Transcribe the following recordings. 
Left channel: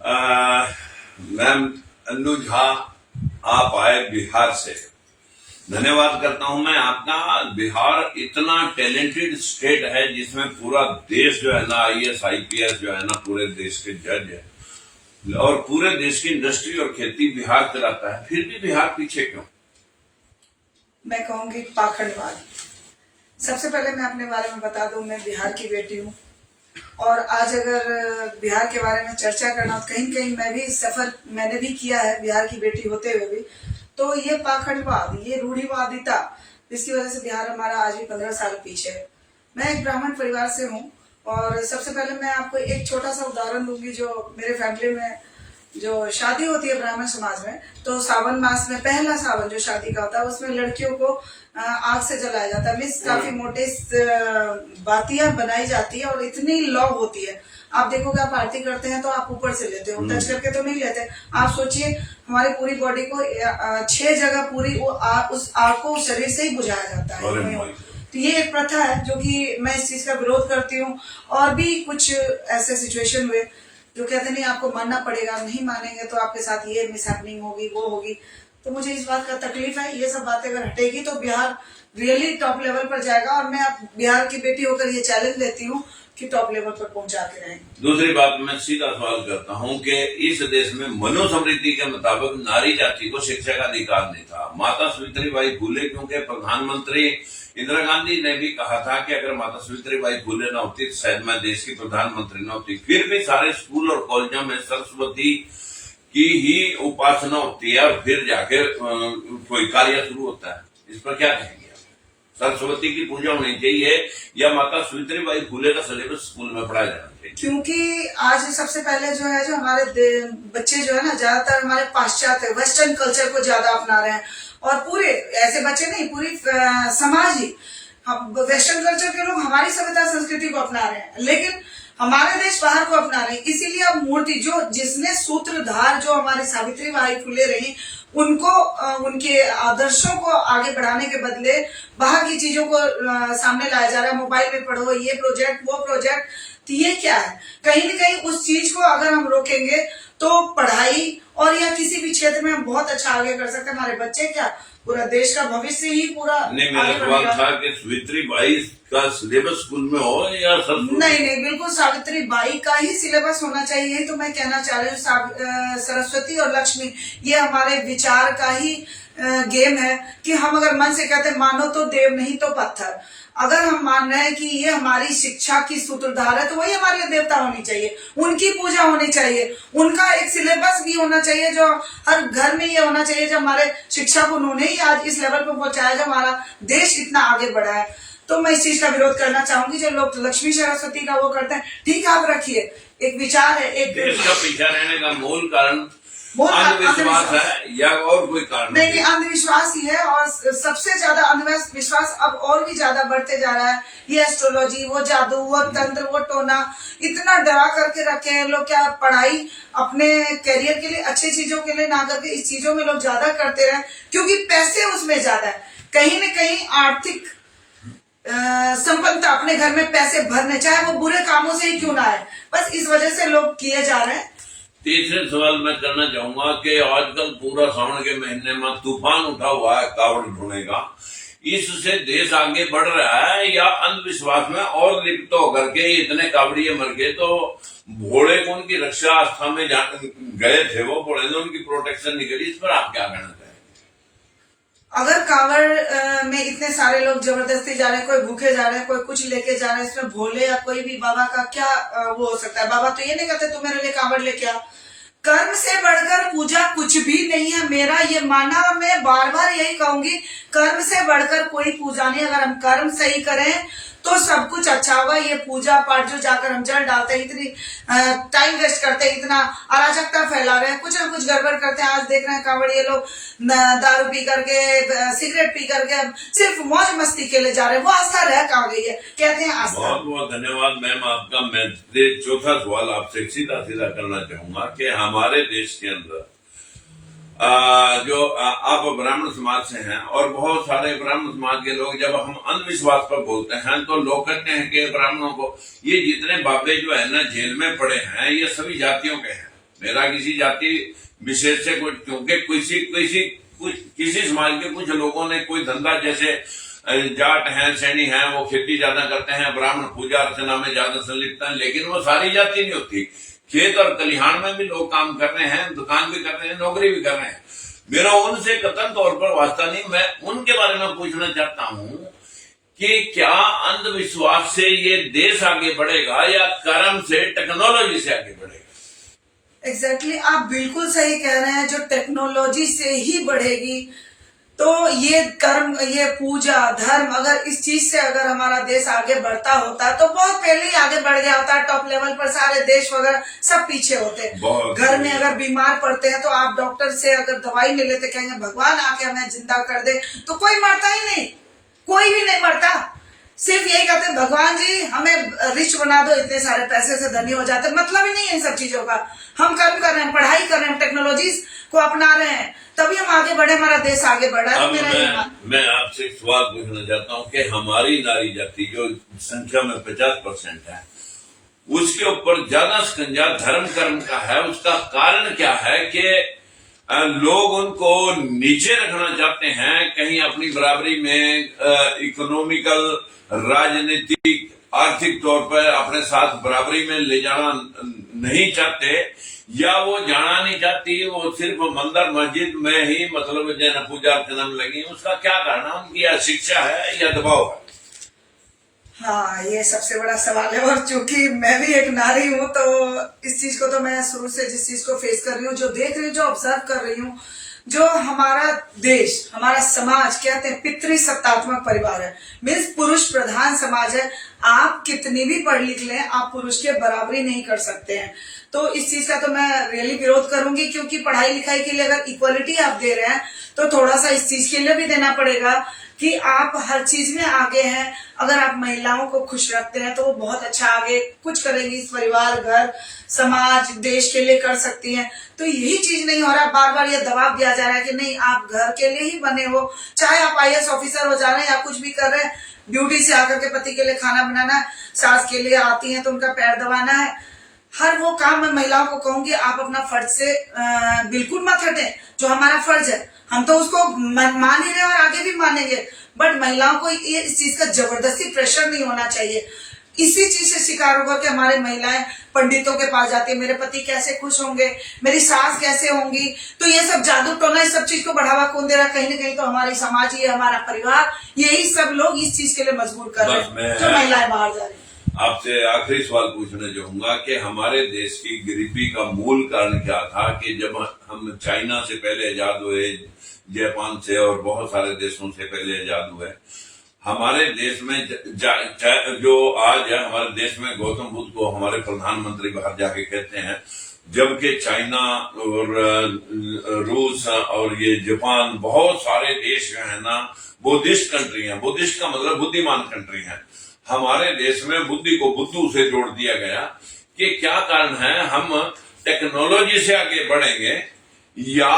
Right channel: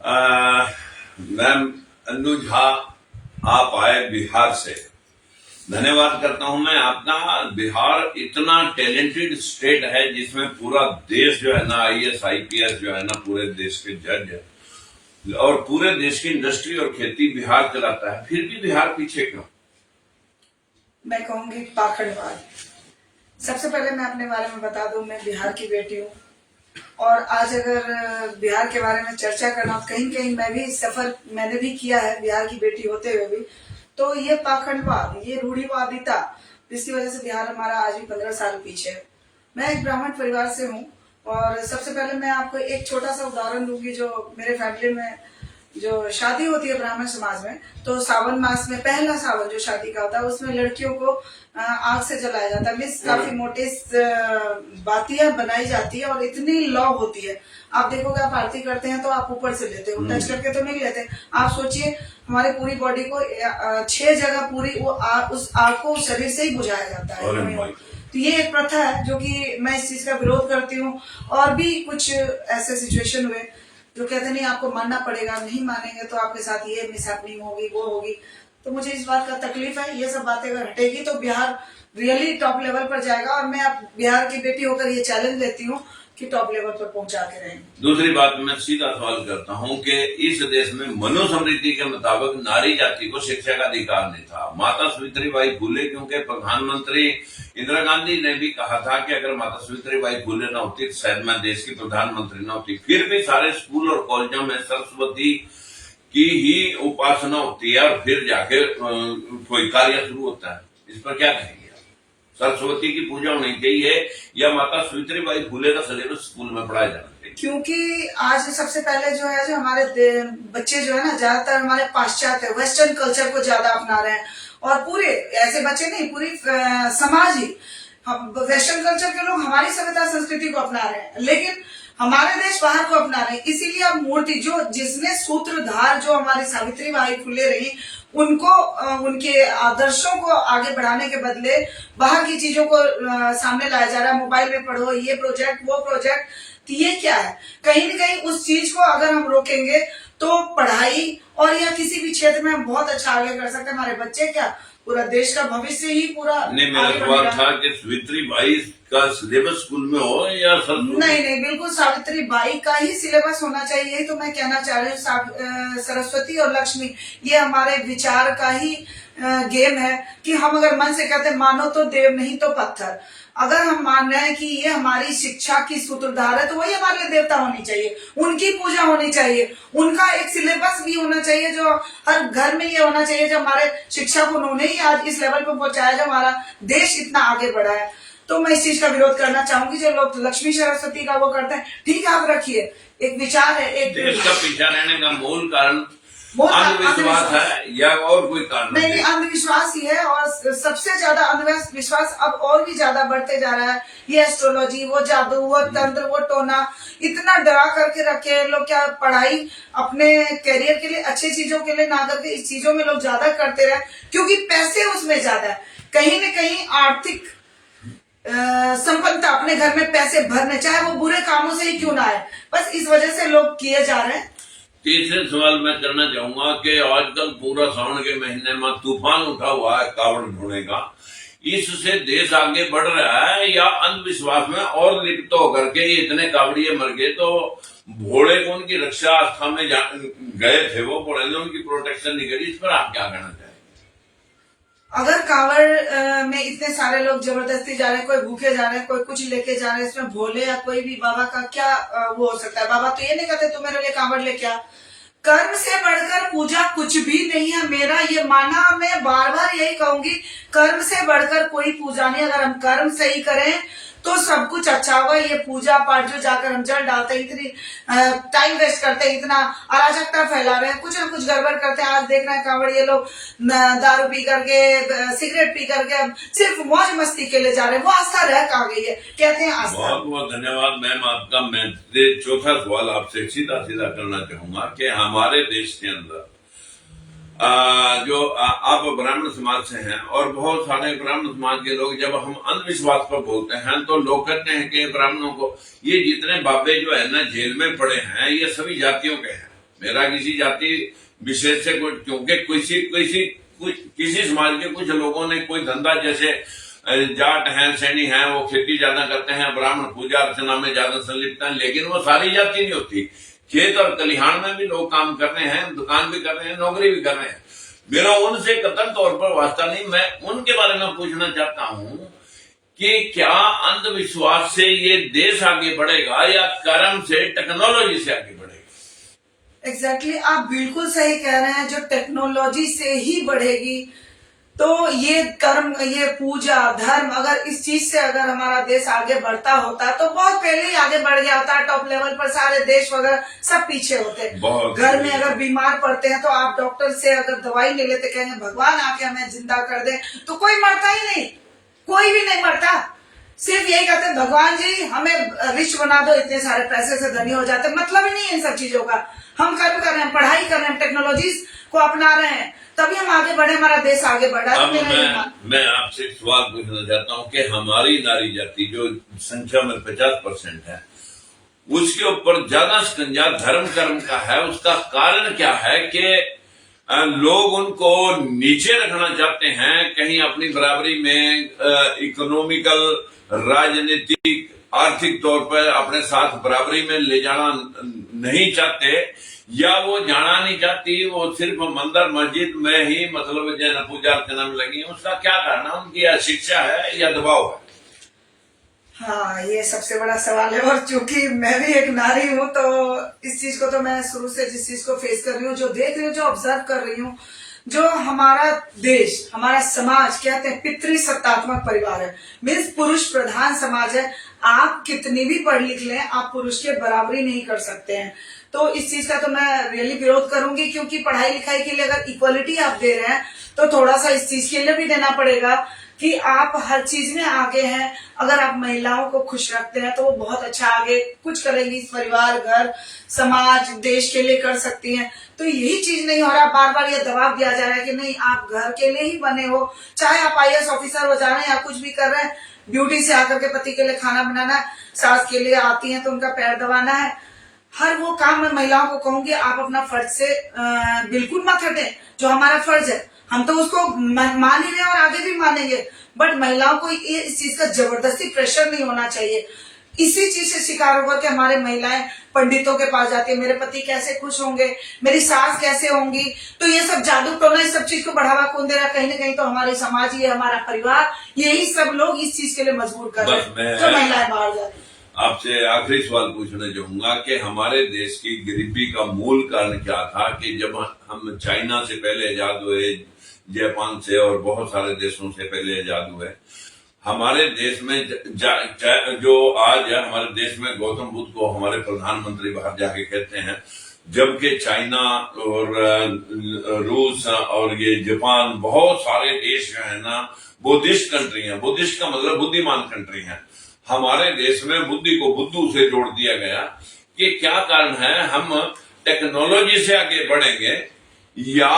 Ma'am Annu Jha, आप आए बिहार से, धन्यवाद करता हूं मैं आपका। बिहार इतना टैलेंटेड स्टेट है जिसमें पूरा देश जो है ना, आईएएस आईपीएस जो है ना, पूरे देश के जज है और पूरे देश की इंडस्ट्री और खेती बिहार चलाता है, फिर भी बिहार पीछे क्यों? मैं कहूंगी पाखंडवाद। सबसे पहले मैं अपने बारे में बता दूं, मैं बिहार की बेटी हूं और आज अगर बिहार के बारे में चर्चा करना हो, कहीं कहीं मैं भी सफर मैंने भी किया है बिहार की बेटी होते हुए भी, तो ये पाखंडवाद, ये रूढ़िवादिता, जिसकी वजह से बिहार हमारा आज भी 15 साल पीछे है। मैं एक ब्राह्मण परिवार से हूँ और सबसे पहले मैं आपको एक छोटा सा उदाहरण दूंगी। जो मेरे फैमिली में जो शादी होती है ब्राह्मण समाज में, तो सावन मास में पहला सावन जो शादी का होता है उसमें लड़कियों को आग से जलाया जाता है। मीन्स काफी मोटी बातियां बनाई जाती है और इतनी लौ होती है। आप देखोगे, आप आरती करते हैं तो आप ऊपर से लेते हो, टच करके तो नहीं लेते। आप सोचिए, हमारी पूरी बॉडी को 6 जगह पूरी उस आग को शरीर से ही बुझाया जाता है। तो ये एक प्रथा है जो कि मैं इस चीज का विरोध करती हूँ। और भी कुछ ऐसे सिचुएशन हुए जो कहते नहीं आपको मानना पड़ेगा, नहीं मानेंगे तो आपके साथ ये मिसहैपनिंग होगी, वो होगी। तो मुझे इस बात का तकलीफ है। ये सब बातें अगर हटेगी तो बिहार रियली टॉप लेवल पर जाएगा और मैं अब बिहार की बेटी होकर ये चैलेंज देती हूँ कि टॉप लेवल पर पहुंचा के रहेंगे। दूसरी बात, मैं सीधा सवाल करता हूं कि इस देश में मनुस्मृति के मुताबिक नारी जाति को शिक्षा का अधिकार नहीं था। माता सावित्रीबाई फुले, क्योंकि प्रधानमंत्री इंदिरा गांधी ने भी कहा था कि अगर माता सावित्रीबाई फुले न होती तो शायद मैं देश की प्रधानमंत्री न होती, फिर भी सारे स्कूल और कॉलेजों में सरस्वती की ही उपासना होती है और फिर जाके कोई कार्य शुरू होता है। इस पर क्या कहेंगे? सरस्वती की पूजा होनी चाहिए या माता सावित्रीबाई फुले का सिलेबस स्कूल में पढ़ाया जाना चाहिए? क्योंकि आज सबसे पहले जो है, जो हमारे बच्चे जो है ना, ज्यादातर हमारे पाश्चात्य वेस्टर्न कल्चर को ज्यादा अपना रहे हैं। और पूरे ऐसे बच्चे नहीं, पूरी समाज ही वेस्टर्न कल्चर के लोग हमारी सभ्यता संस्कृति को अपना रहे हैं, लेकिन हमारे देश बाहर को अपना रहे हैं। इसीलिए अब मूर्ति जो जिसने सूत्रधार जो हमारी सावित्रीबाई फुले रही, उनको उनके आदर्शों को आगे बढ़ाने के बदले बाहर की चीजों को सामने लाया जा रहा है। मोबाइल में पढ़ो, ये प्रोजेक्ट, वो प्रोजेक्ट। तो ये क्या है? कहीं न कहीं उस चीज को अगर हम रोकेंगे तो पढ़ाई और या किसी भी क्षेत्र में हम बहुत अच्छा आगे कर सकते हैं। हमारे बच्चे क्या, पूरा देश का भविष्य ही पूरा नहीं, मेरा सवाल था कि सावित्रीबाई का सिलेबस स्कूल में हो या नहीं, बिल्कुल सावित्रीबाई का ही सिलेबस होना चाहिए। यही तो मैं कहना चाह रही हूँ। सरस्वती और लक्ष्मी ये हमारे विचार का ही गेम है कि हम अगर मन से कहते हैं मानो तो देव, नहीं तो पत्थर। अगर हम मान रहे हैं कि ये हमारी शिक्षा की सूत्रधार है तो वही हमारे लिए देवता होनी चाहिए, उनकी पूजा होनी चाहिए, उनका एक सिलेबस भी होना चाहिए जो हर घर में ये होना चाहिए। जो हमारे शिक्षा को उन्होंने ही आज इस लेवल पर पहुंचाया, जो हमारा देश इतना आगे बढ़ा है। तो मैं इस चीज का विरोध करना चाहूंगी। जो लोग लक्ष्मी सरस्वती का वो करते हैं, ठीक है, आप रखिए, एक विचार है। एक देश का पीछा रहने का मूल कारण अंधविश्वास है या और कोई कारण? नहीं, अंधविश्वास ही है। और सबसे ज्यादा अंधविश्वास अब और भी ज्यादा बढ़ते जा रहा है। ये एस्ट्रोलॉजी, वो जादू, वो तंत्र, वो टोना, इतना डरा करके रखे हैं लोग। क्या पढ़ाई अपने करियर के लिए, अच्छी चीजों के लिए ना करके इस चीजों में लोग ज्यादा करते रहे, क्योंकि पैसे उसमें ज्यादा है। कहीं न कहीं आर्थिक संपन्नता, अपने घर में पैसे भरने, चाहे वो बुरे कामों से ही क्यों ना आए, बस इस वजह से लोग किए जा रहे हैं। तीसरे सवाल मैं करना चाहूंगा कि आजकल पूरा सावन के महीने में तूफान उठा हुआ है कावड़ ढूंढने का, इससे देश आगे बढ़ रहा है या अंधविश्वास में और लिप्त होकर के इतने कावड़िए मर गए? तो भोले को उनकी रक्षा आस्था में गए थे, वो भोले ने उनकी प्रोटेक्शन नहीं करी। इस पर आप क्या कहना चाहेंगे? अगर कांवड़ में इतने सारे लोग जबरदस्ती जा रहे हैं, कोई भूखे जा रहे हैं, कोई कुछ लेके जा रहे हैं, इसमें भोले या कोई भी बाबा का क्या वो हो सकता है? बाबा तो ये नहीं कहते तू मेरे लिए कांवड़ लेके आ। कर्म से बढ़कर पूजा कुछ भी नहीं है, मेरा ये मानना। मैं बार बार यही कहूंगी, कर्म से बढ़कर कोई पूजा नहीं। अगर हम कर्म सही करें तो सब कुछ अच्छा होगा। ये पूजा पाठ जो जाकर हम जल डालते हैं, इतनी टाइम वेस्ट करते हैं, इतना अराजकता फैला रहे हैं, कुछ न कुछ गड़बड़ करते हैं। आज देख रहे हैं कांवड़ ये लोग दारू पी करके, सिगरेट पी करके सिर्फ मौज मस्ती के लिए जा रहे हैं। वो आस्था रह कहाँ गई है? कहते हैं आस्था। बहुत बहुत धन्यवाद मैम आपका। मैं चौथा सवाल आपसे सीधा सीधा करना चाहूंगा कि हमारे देश के अंदर जो आप ब्राह्मण समाज से हैं और बहुत सारे ब्राह्मण समाज के लोग, जब हम अंधविश्वास पर बोलते हैं तो लोग कहते हैं कि ब्राह्मणों को, ये जितने बाबे जो है ना जेल में पड़े हैं ये सभी जातियों के हैं, मेरा किसी जाति विशेष से कुछ, क्योंकि किसी समाज के कुछ लोगों ने कोई धंधा, जैसे जाट हैं, सैनी हैं, वो खेती ज्यादा करते हैं, ब्राह्मण पूजा अर्चना में ज्यादा संलिप्त हैं, लेकिन वो सारी जाति नहीं होती। खेत और खलिहान में भी लोग काम कर रहे हैं, दुकान भी कर रहे हैं, नौकरी भी कर रहे हैं। मेरा उनसे कतन तौर पर वास्ता नहीं। मैं उनके बारे में पूछना चाहता हूं कि क्या अंधविश्वास से ये देश आगे बढ़ेगा या कर्म से, टेक्नोलॉजी से आगे बढ़ेगा? एग्जैक्टली आप बिल्कुल सही कह रहे हैं। जो टेक्नोलॉजी से ही बढ़ेगी, तो ये कर्म, ये पूजा, धर्म, अगर इस चीज से अगर हमारा देश आगे बढ़ता होता तो बहुत पहले ही आगे बढ़ गया होता। टॉप लेवल पर सारे देश वगैरह सब पीछे होते। घर में अगर बीमार पड़ते हैं तो आप डॉक्टर से अगर दवाई नहीं लेते, कहेंगे भगवान आके हमें जिंदा कर दे, तो कोई मरता ही नहीं, कोई भी नहीं मरता। सिर्फ यही कहते हैं भगवान जी हमें रिच बना दो, इतने सारे पैसे से धनी हो जाते। मतलब ही नहीं है इन सब चीजों का। हम कर्म कर रहे हैं, पढ़ाई कर रहे हैं, टेक्नोलॉजी को अपना रहे हैं, तभी हम आगे बढ़े, हमारा देश आगे बढ़ा है। मैं आपसे एक सवाल पूछना चाहता हूं कि हमारी नारी जाति जो संख्या में 50% है, उसके ऊपर ज्यादा शिकंजा धर्म कर्म का है। उसका कारण क्या है कि लोग उनको नीचे रखना चाहते हैं, कहीं अपनी बराबरी में इकोनॉमिकल, राजनीतिक, आर्थिक तौर पर अपने साथ बराबरी में ले जाना नहीं चाहते, या वो जाना नहीं चाहती, वो सिर्फ मंदिर मस्जिद में ही मतलब जैन पूजा अर्चना में लगी। उसका क्या कारण है? उनकी या शिक्षा है या दबाव है? हाँ, ये सबसे बड़ा सवाल है। और चूंकि मैं भी एक नारी हूँ, तो इस चीज को तो मैं शुरू से जिस चीज को फेस कर रही हूँ, जो देख रही हूँ, जो ऑब्जर्व कर रही हूँ, जो हमारा देश, हमारा समाज कहते हैं पितृसत्तात्मक परिवार है, मीन्स पुरुष प्रधान समाज है। आप कितनी भी पढ़ लिख लें, आप पुरुष के बराबरी नहीं कर सकते हैं। तो इस चीज का तो मैं रियली विरोध करूंगी, क्योंकि पढ़ाई लिखाई के लिए अगर इक्वलिटी आप दे रहे हैं, तो थोड़ा सा इस चीज के लिए भी देना पड़ेगा कि आप हर चीज में आगे हैं। अगर आप महिलाओं को खुश रखते हैं तो वो बहुत अच्छा आगे कुछ करेंगी, इस परिवार, घर, समाज, देश के लिए कर सकती हैं। तो यही चीज नहीं हो रहा। बार बार ये दबाव दिया जा रहा है कि नहीं, आप घर के लिए ही बने हो, चाहे आप IAS ऑफिसर हो जा रहे हैं या कुछ भी कर रहे हैं, ड्यूटी से आकर के पति के लिए खाना बनाना है, सास के लिए आती है तो उनका पैर दबाना है, हर वो काम मैं महिलाओं को कहूंगी आप अपना फर्ज से बिल्कुल मत हटें। जो हमारा फर्ज है हम तो उसको मान ही रहे और आगे भी मानेंगे, बट महिलाओं को ये इस चीज का जबरदस्ती प्रेशर नहीं होना चाहिए। इसी चीज से शिकार होगा कि हमारे महिलाएं पंडितों के पास जाती है, मेरे पति कैसे खुश होंगे, मेरी सास कैसे होंगी। तो ये सब जादू टोना, इस सब चीज को बढ़ावा कौन दे रहा है? कहीं ना कहीं तो हमारी समाज ही है, हमारा परिवार, यही सब लोग इस चीज के लिए मजबूर कर रहे हैं, जो महिलाएं बाहर जा रही है। आपसे आखिरी सवाल पूछना चाहूंगा कि हमारे देश की गरीबी का मूल कारण क्या था कि जब हम चाइना से पहले आजाद हुए, जापान से और बहुत सारे देशों से पहले आजाद हुए, हमारे देश में जो आज है, हमारे देश में गौतम बुद्ध को हमारे प्रधानमंत्री बाहर जाके कहते हैं, जबकि चाइना और रूस और ये जापान, बहुत सारे देश जो है ना बुद्धिस्ट कंट्री हैं। बुद्धिस्ट का मतलब बुद्धिमान कंट्री है। हमारे देश में बुद्धि को बुद्धू से जोड़ दिया गया कि क्या कारण है? हम टेक्नोलॉजी से आगे बढ़ेंगे या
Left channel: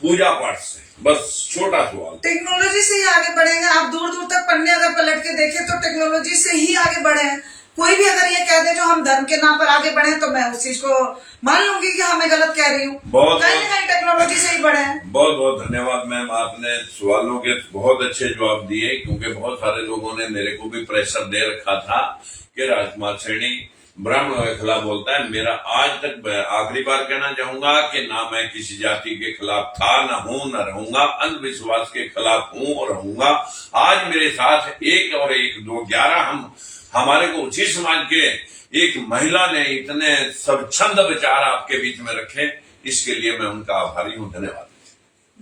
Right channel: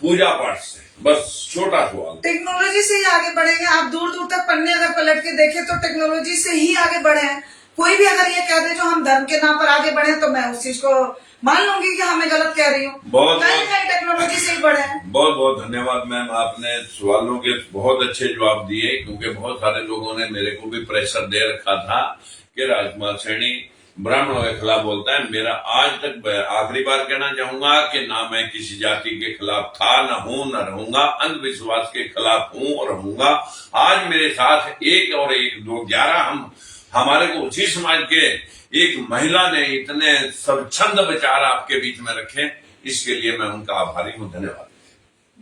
पूजा पाठ से? बस छोटा सवाल। टेक्नोलॉजी से ही आगे बढ़ेंगे। आप दूर दूर तक पन्ने अगर पलट के देखें तो टेक्नोलॉजी से ही आगे बढ़े हैं। कोई भी अगर ये कह दे जो हम धर्म के नाम पर आगे बढ़े, तो मैं उस चीज को मान लूंगी कि हमें गलत कह रही हूँ। कहीं टेक्नोलॉजी से ही बढ़े हैं। बहुत बहुत धन्यवाद मैम, आपने सवालों के बहुत अच्छे जवाब दिए, क्योंकि बहुत सारे लोगों ने मेरे को भी प्रेशर दे रखा था कि राजकुमार सैनी ब्राह्मणों के खिलाफ बोलता है। मेरा आज तक आखिरी बार कहना चाहूंगा कि ना मैं किसी जाति के खिलाफ था, न हूं, न रहूंगा। अंधविश्वास के खिलाफ हूं और रहूंगा। आज मेरे साथ 1 और 1 2 11 हमारे को उसी समाज के एक महिला ने इतने स्वच्छंद विचार आपके बीच में रखे, इसके लिए मैं उनका आभारी हूं। धन्यवाद।